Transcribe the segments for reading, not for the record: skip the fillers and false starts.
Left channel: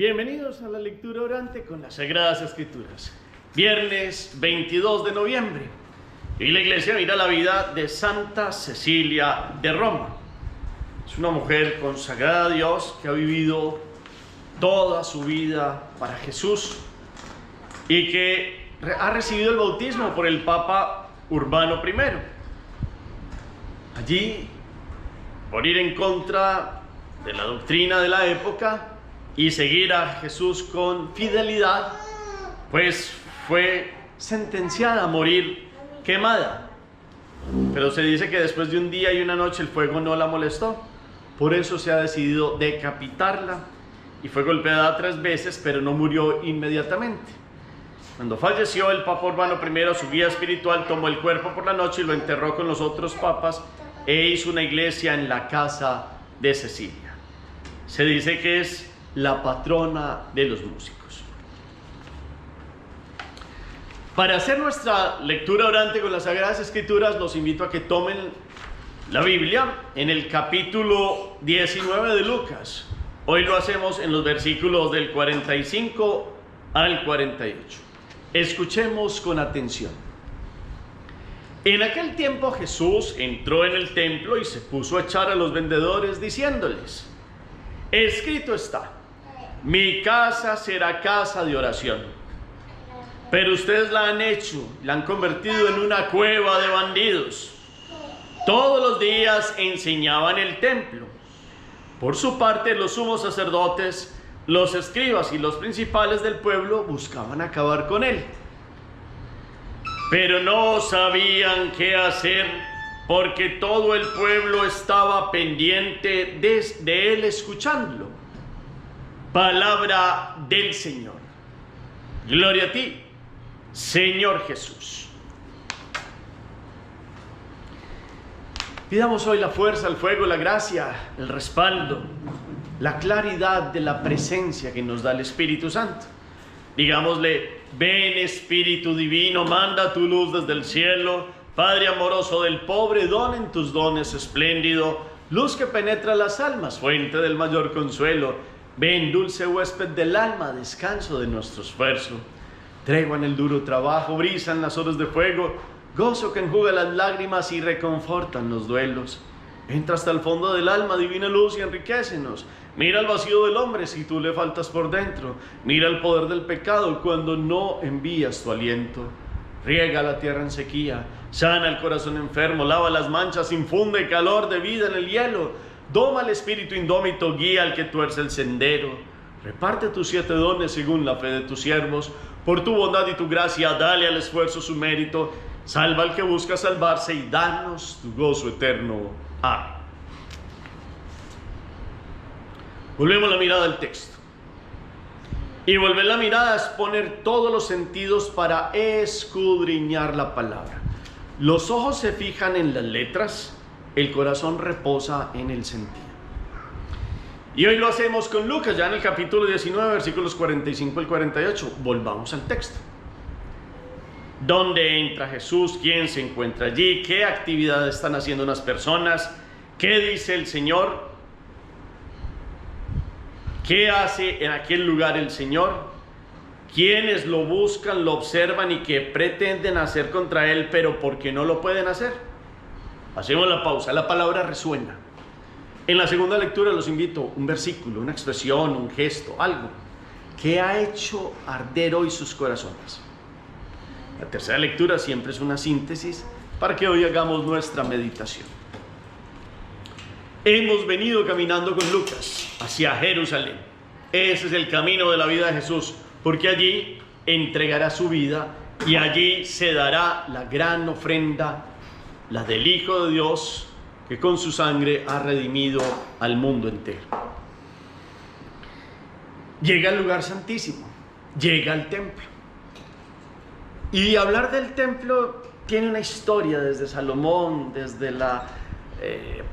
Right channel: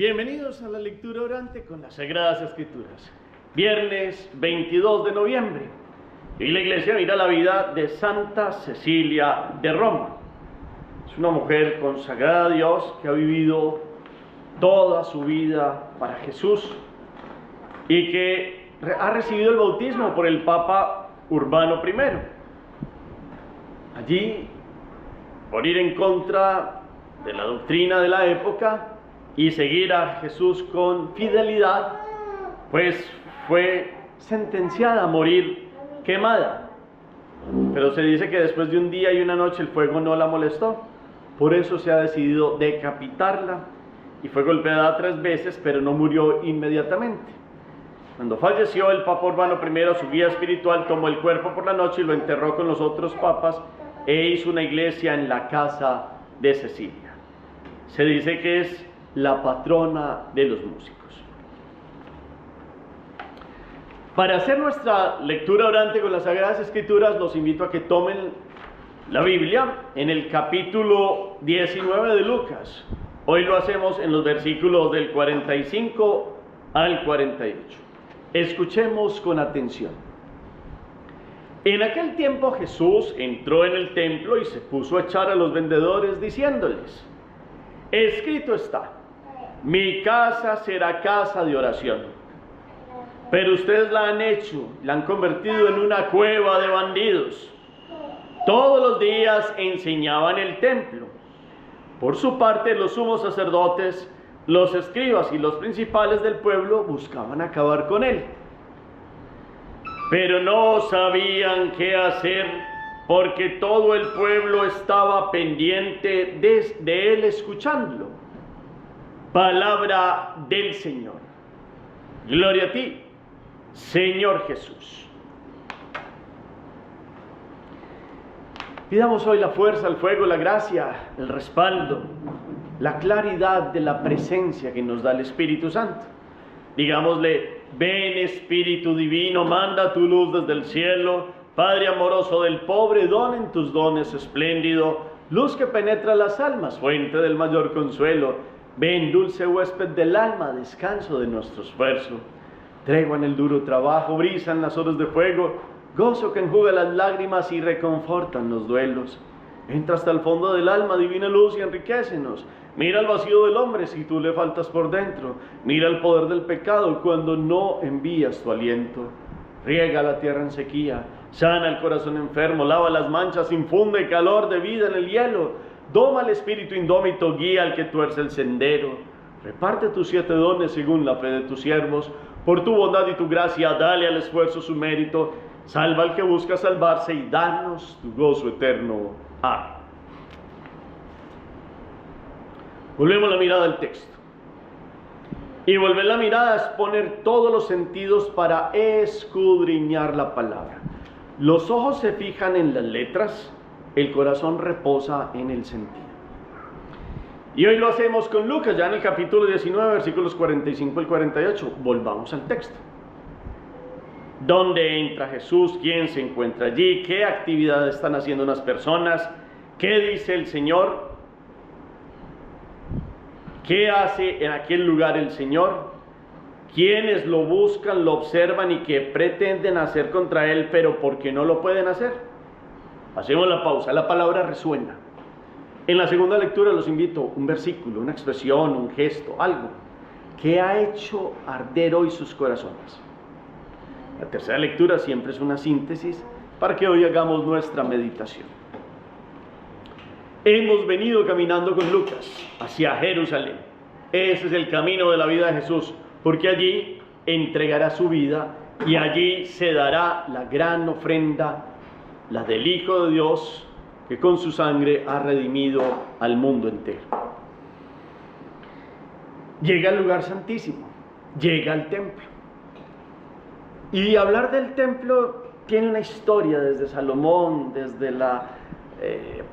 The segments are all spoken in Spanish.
Bienvenidos a la lectura orante con las Sagradas Escrituras. Viernes 22 de noviembre. Y la iglesia mira la vida de Santa Cecilia de Roma. Es una mujer consagrada a Dios que ha vivido toda su vida para Jesús y que ha recibido el bautismo por el Papa Urbano I. Allí, por ir en contra de la doctrina de la época y seguir a Jesús con fidelidad, pues fue sentenciada a morir quemada. Pero se dice que después de un día y una noche el fuego no la molestó. Por eso se ha decidido decapitarla y fue golpeada 3 veces, pero no murió inmediatamente. Cuando falleció, el Papa Urbano I, su guía espiritual, tomó el cuerpo por la noche y lo enterró con los otros papas e hizo una iglesia en la casa de Cecilia. Se dice que es la patrona de los músicos. Para hacer nuestra lectura orante con las Sagradas Escrituras, los invito a que tomen la Biblia en el capítulo 19 de Lucas. Hoy lo hacemos en los versículos del 45 al 48. Escuchemos con atención. En aquel tiempo Jesús entró en el templo y se puso a echar a los vendedores diciéndoles: escrito está, mi casa será casa de oración. Pero ustedes la han hecho, la han convertido en una cueva de bandidos. Todos los días enseñaba en el templo. Por su parte, los sumos sacerdotes, los escribas y los principales del pueblo buscaban acabar con él. Pero no sabían qué hacer, porque todo el pueblo estaba pendiente de él escuchándolo. Palabra del Señor. Gloria a ti, Señor Jesús. Pidamos hoy la fuerza, el fuego, la gracia, el respaldo, la claridad de la presencia que nos da el Espíritu Santo. Digámosle: ven Espíritu Divino, manda tu luz desde el cielo. Padre amoroso del pobre, don en tus dones espléndido, luz que penetra las almas, fuente del mayor consuelo. Ven, dulce huésped del alma, descanso de nuestro esfuerzo. Tregua en el duro trabajo, brisa en las horas de fuego, gozo que enjuga las lágrimas y reconfortan los duelos. Entra hasta el fondo del alma, divina luz, y enriquécenos. Mira el vacío del hombre si tú le faltas por dentro. Mira el poder del pecado cuando no envías tu aliento. Riega la tierra en sequía, sana el corazón enfermo, lava las manchas, infunde calor de vida en el hielo. Doma al espíritu indómito, guía al que tuerce el sendero. Reparte tus 7 dones según la fe de tus siervos. Por tu bondad y tu gracia, dale al esfuerzo su mérito. Salva al que busca salvarse y danos tu gozo eterno. Amén. Volvemos la mirada al texto. Y volver la mirada es poner todos los sentidos para escudriñar la palabra. Los ojos se fijan en las letras, el corazón reposa en el sentido. Y hoy lo hacemos con Lucas, ya en el capítulo 19, versículos 45 al 48. Volvamos al texto. ¿Dónde entra Jesús? ¿Quién se encuentra allí? ¿Qué actividades están haciendo unas personas? ¿Qué dice el Señor? ¿Qué hace en aquel lugar el Señor? ¿Quiénes lo buscan, lo observan y que pretenden hacer contra Él, pero porque no lo pueden hacer? Hacemos la pausa, la palabra resuena. En la segunda lectura los invito un versículo, una expresión, un gesto, algo que ha hecho arder hoy sus corazones. La tercera lectura siempre es una síntesis para que hoy hagamos nuestra meditación. Hemos venido caminando con Lucas hacia Jerusalén. Ese es el camino de la vida de Jesús, porque allí entregará su vida y allí se dará la gran ofrenda, la del Hijo de Dios, que con su sangre ha redimido al mundo entero. Llega al lugar santísimo, llega al templo. Y hablar del templo tiene una historia desde Salomón, desde la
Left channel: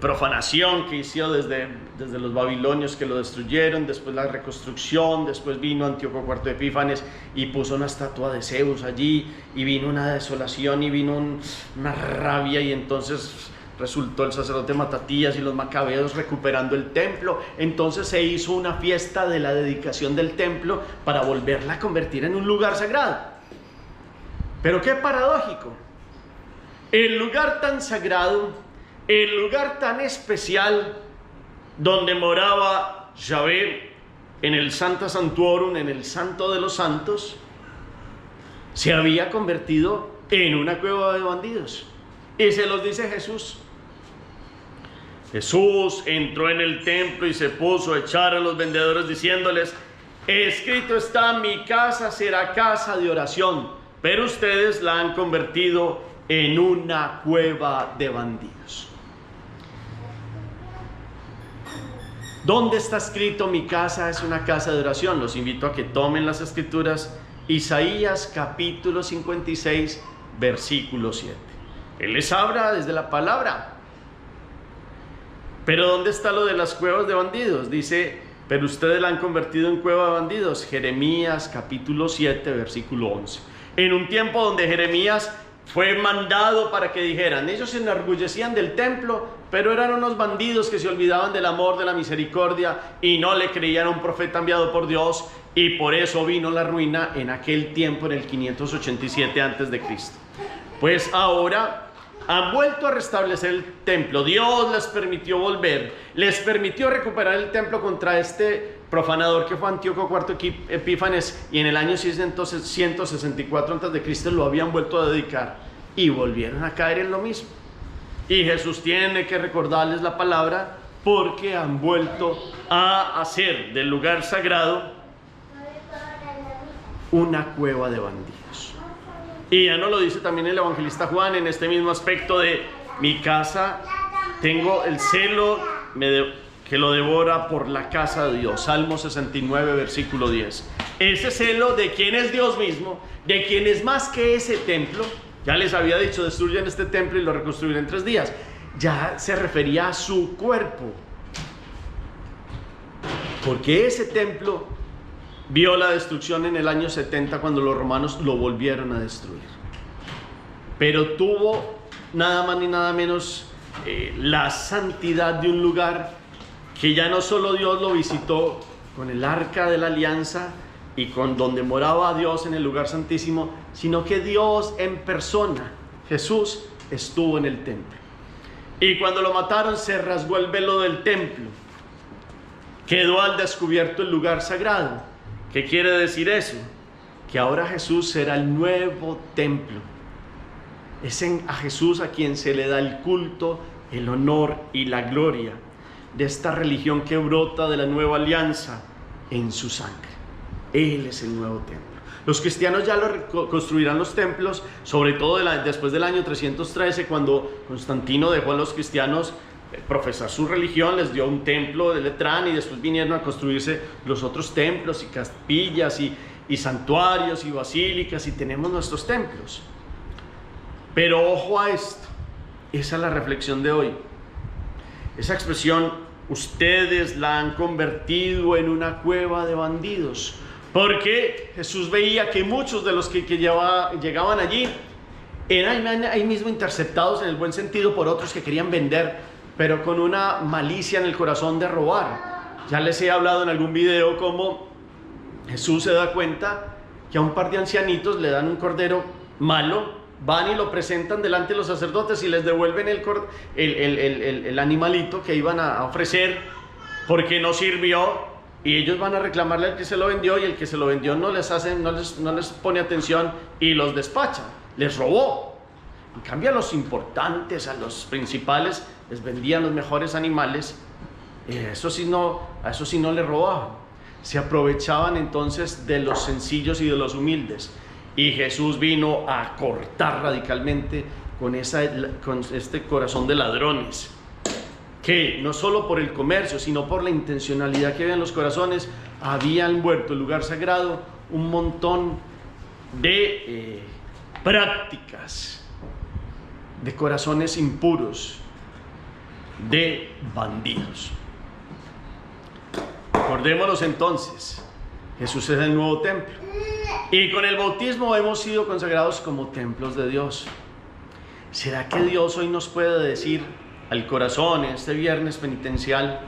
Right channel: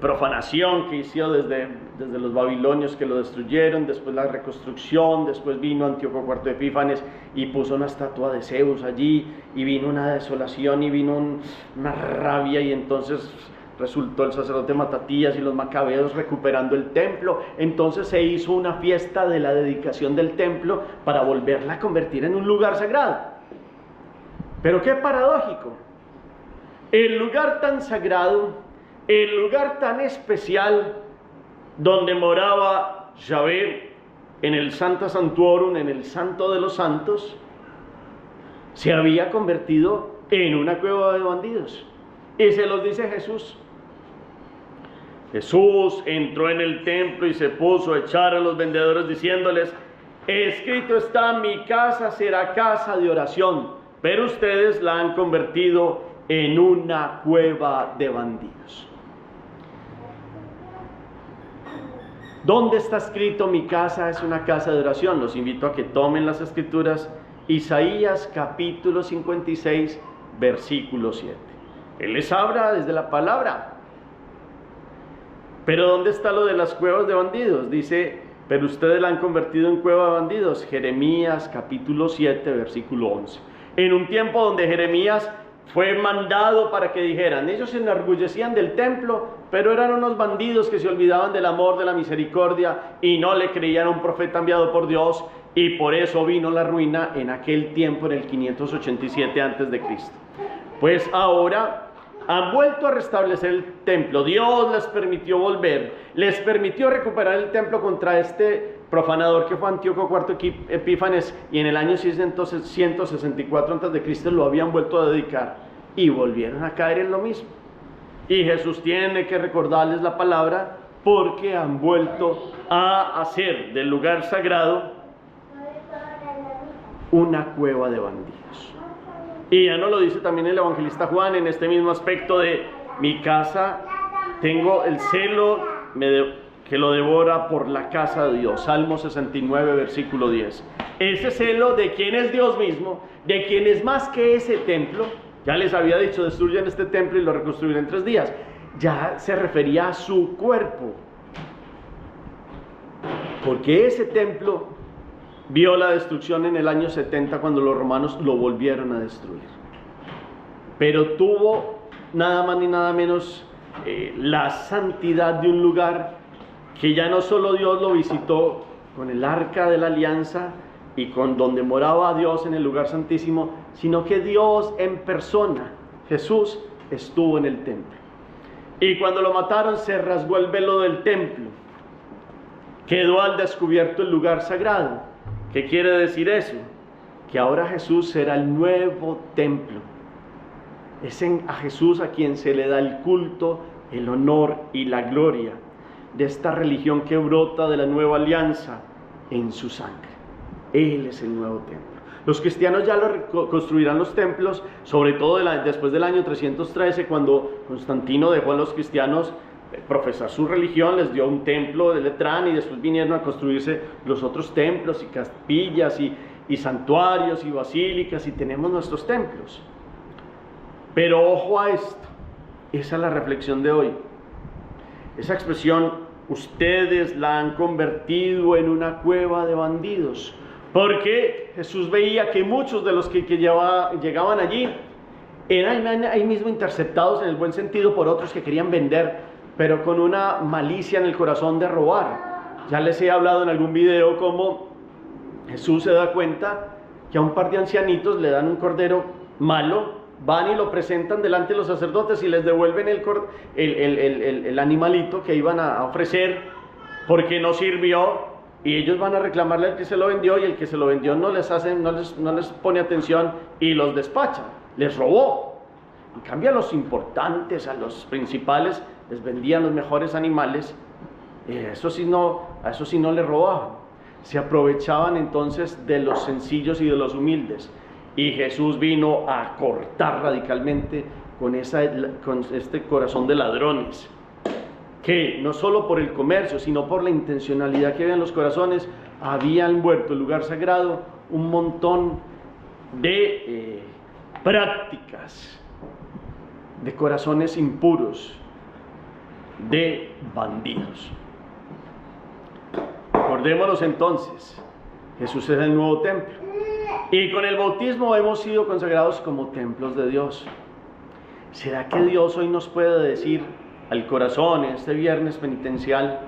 profanación que hizo desde los babilonios que lo destruyeron, después la reconstrucción, después vino Antíoco IV Epífanes y puso una estatua de Zeus allí, y vino una desolación y vino una rabia, y entonces resultó el sacerdote Matatías y los macabeos recuperando el templo. Entonces se hizo una fiesta de la dedicación del templo para volverla a convertir en un lugar sagrado. Pero qué paradójico, el lugar tan sagrado, el lugar tan especial donde moraba Yahvé, en el Sancta Sanctorum, en el Santo de los Santos, se había convertido en una cueva de bandidos. Y se los dice Jesús. Jesús entró en el templo y se puso a echar a los vendedores diciéndoles: escrito está, mi casa será casa de oración, pero ustedes la han convertido en una cueva de bandidos. ¿Dónde está escrito mi casa es una casa de oración? Los invito a que tomen las escrituras. Isaías capítulo 56, versículo 7. Él les habla desde la palabra. Pero ¿dónde está lo de las cuevas de bandidos? Dice, pero ustedes la han convertido en cueva de bandidos. Jeremías capítulo 7, versículo 11. En un tiempo donde Jeremías fue mandado para que dijeran, ellos se enorgullecían del templo, pero eran unos bandidos que se olvidaban del amor, de la misericordia, y no le creían a un profeta enviado por Dios, y por eso vino la ruina en aquel tiempo, en el 587 a.C. Pues ahora han vuelto a restablecer el templo. Dios les permitió volver, les permitió recuperar el templo contra este profanador que fue Antíoco IV Epífanes, y en el año 164 a.C. lo habían vuelto a dedicar y volvieron a caer en lo mismo. Y Jesús tiene que recordarles la palabra, porque han vuelto a hacer del lugar sagrado una cueva de bandidos. Y ya no lo dice también el evangelista Juan en este mismo aspecto de mi casa, tengo el celo que lo devora por la casa de Dios. Salmo 69, versículo 10. Ese celo de quien es Dios mismo, de quien es más que ese templo. Ya les había dicho, destruyan este templo y lo reconstruiré en 3 días. Ya se refería a su cuerpo, porque ese templo vio la destrucción en el año 70 cuando los romanos lo volvieron a destruir. Pero tuvo nada más ni nada menos la santidad de un lugar que ya no solo Dios lo visitó con el arca de la alianza y con donde moraba Dios en el lugar santísimo, sino que Dios en persona, Jesús, estuvo en el templo. Y cuando lo mataron se rasgó el velo del templo, quedó al descubierto el lugar sagrado. ¿Qué quiere decir eso? Que ahora Jesús será el nuevo templo. Es a Jesús a quien se le da el culto, el honor y la gloria de esta religión que brota de la nueva alianza en su sangre. Él es el nuevo templo. Los cristianos ya lo construirán los templos, sobre todo después del año 313, cuando Constantino dejó a los cristianos profesar su religión, les dio un templo de Letrán, y después vinieron a construirse los otros templos y capillas y santuarios y basílicas, y tenemos nuestros templos. Pero ojo a esto, esa es la reflexión de hoy. Esa expresión, ustedes la han convertido en una cueva de bandidos, porque Jesús veía que muchos de los que llegaban allí eran ahí mismo interceptados en el buen sentido por otros que querían vender, pero con una malicia en el corazón de robar. Ya les he hablado en algún video cómo Jesús se da cuenta que a un par de ancianitos le dan un cordero malo, van y lo presentan delante de los sacerdotes y les devuelven el animalito que iban a ofrecer porque no sirvió, y ellos van a reclamarle al que se lo vendió, y el que se lo vendió no les pone atención y los despacha, les robó. En cambio a los importantes, a los principales, les vendían los mejores animales, a eso sí no les robaban. Se aprovechaban entonces de los sencillos y de los humildes. Y Jesús vino a cortar radicalmente con este corazón de ladrones, que no solo por el comercio, sino por la intencionalidad que había en los corazones, habían vuelto el lugar sagrado un montón de prácticas, de corazones impuros, de bandidos. Acordémonos entonces, Jesús es el nuevo templo, y con el bautismo hemos sido consagrados como templos de Dios. ¿Será que Dios hoy nos puede decir, al corazón en este viernes penitencial.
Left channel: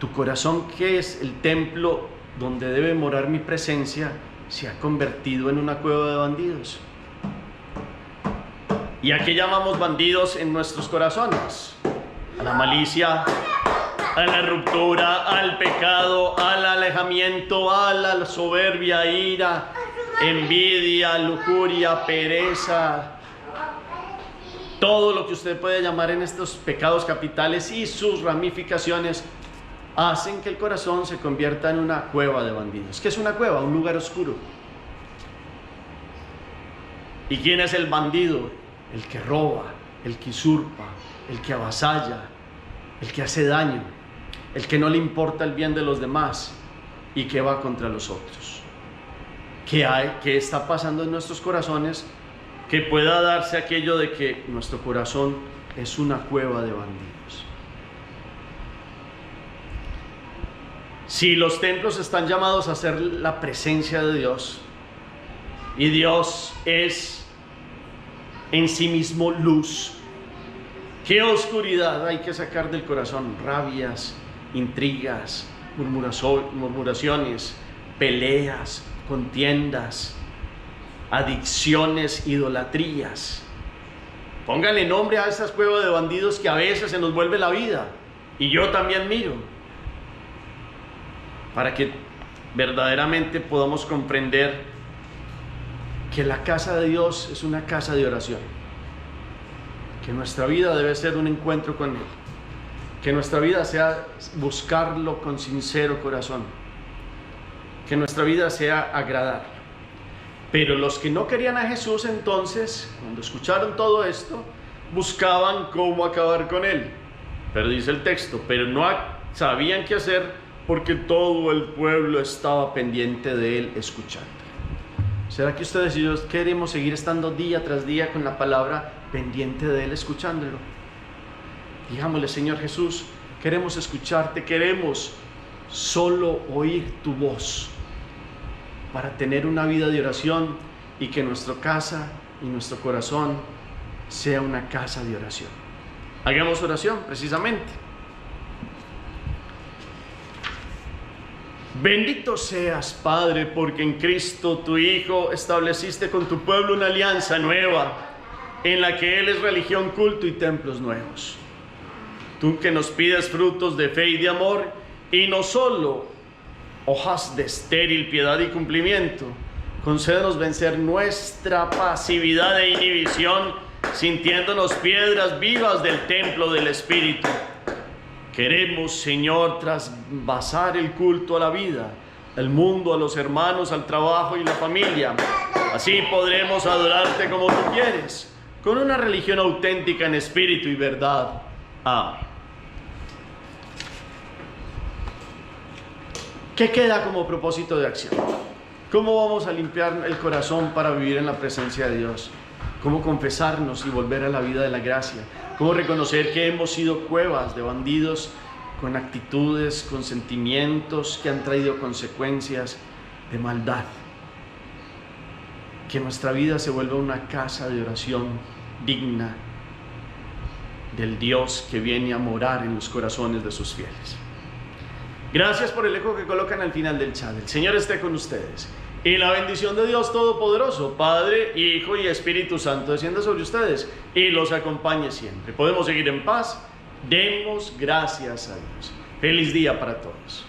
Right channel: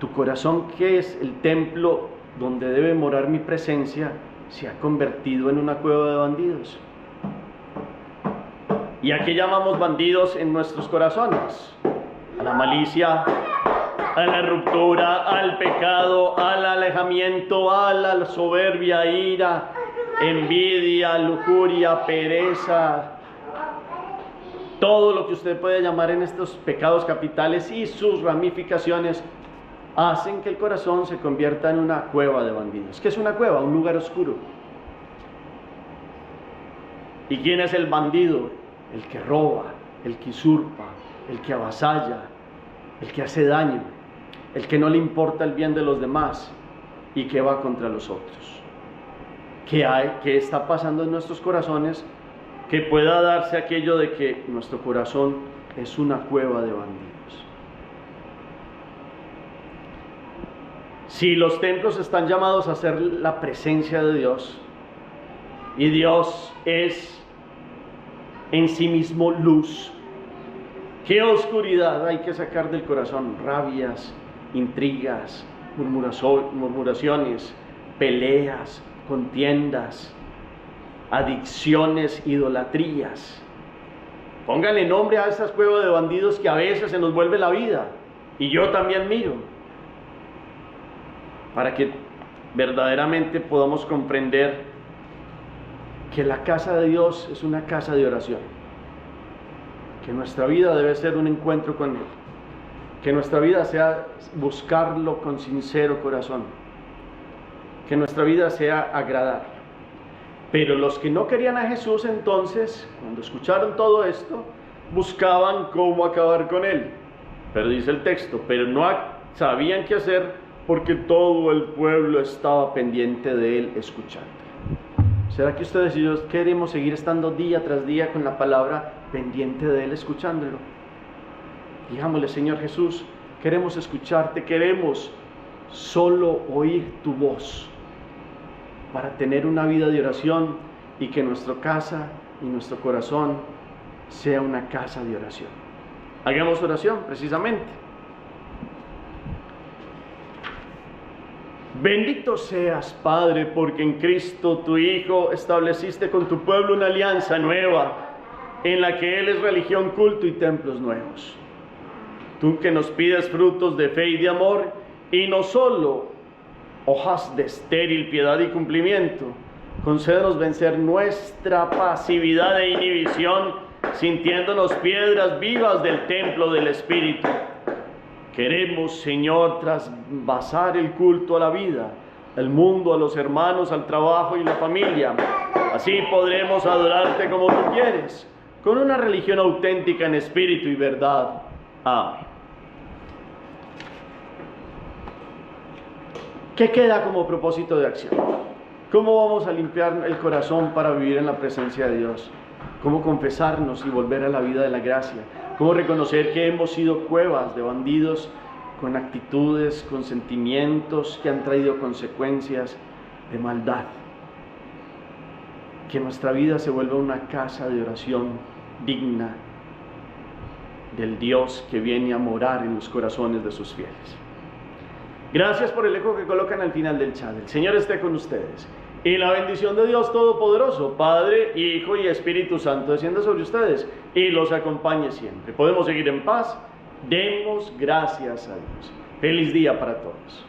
Tu corazón, que es el templo donde debe morar mi presencia, se ha convertido en una cueva de bandidos. ¿Y a qué llamamos bandidos en nuestros corazones? A la malicia, a la ruptura, al pecado, al alejamiento, a la soberbia, ira, envidia, lujuria, pereza. Todo lo que usted puede llamar en estos pecados capitales y sus ramificaciones hacen que el corazón se convierta en una cueva de bandidos. ¿Qué es una cueva? Un lugar oscuro. ¿Y quién es el bandido? El que roba, el que usurpa, el que avasalla, el que hace daño, el que no le importa el bien de los demás y que va contra los otros. ¿Qué está pasando en nuestros corazones que pueda darse aquello de que nuestro corazón es una cueva de bandidos? Si los templos están llamados a ser la presencia de Dios, y Dios es en sí mismo luz, ¿qué oscuridad hay que sacar del corazón? Rabias, intrigas, murmuraciones, peleas, contiendas, adicciones, idolatrías. Póngale nombre a estas cuevas de bandidos que a veces se nos vuelve la vida, y yo también miro, para que verdaderamente podamos comprender que la casa de Dios es una casa de oración, que nuestra vida debe ser un encuentro con Él, que nuestra vida sea buscarlo con sincero corazón, que nuestra vida sea agradarlo. Pero los que no querían a Jesús, entonces, cuando escucharon todo esto, buscaban cómo acabar con Él. Pero dice el texto, pero no sabían qué hacer, porque todo el pueblo estaba pendiente de Él, escuchándole. ¿Será que ustedes y yo queremos seguir estando día tras día con la palabra, pendiente de Él, escuchándolo? Digámosle: Señor Jesús, queremos escucharte, queremos solo oír tu voz, para tener una vida de oración y que nuestra casa y nuestro corazón sea una casa de oración. Hagamos oración precisamente. Bendito seas, Padre, porque en Cristo tu Hijo estableciste con tu pueblo una alianza nueva, en la que Él es religión, culto y templos nuevos. Tú que nos pides frutos de fe y de amor, y no solo hojas de estéril piedad y cumplimiento, concédenos vencer nuestra pasividad e inhibición, sintiéndonos piedras vivas del templo del Espíritu. Queremos, Señor, trasvasar el culto a la vida, al mundo, a los hermanos, al trabajo y la familia. Así podremos adorarte como tú quieres, con una religión auténtica en espíritu y verdad. Amén. ¿Qué queda como propósito de acción? ¿Cómo vamos a limpiar el corazón para vivir en la presencia de Dios? ¿Cómo confesarnos y volver a la vida de la gracia? ¿Cómo reconocer que hemos sido cuevas de bandidos con actitudes, con sentimientos que han traído consecuencias de maldad? Que nuestra vida se vuelva una casa de oración digna del Dios que viene a morar en los corazones de sus fieles. Gracias por el eco que colocan al final del chat. El Señor esté con ustedes. Y la bendición de Dios Todopoderoso, Padre, Hijo y Espíritu Santo, descienda sobre ustedes y los acompañe siempre. Podemos seguir en paz. Demos gracias a Dios. Feliz día para todos.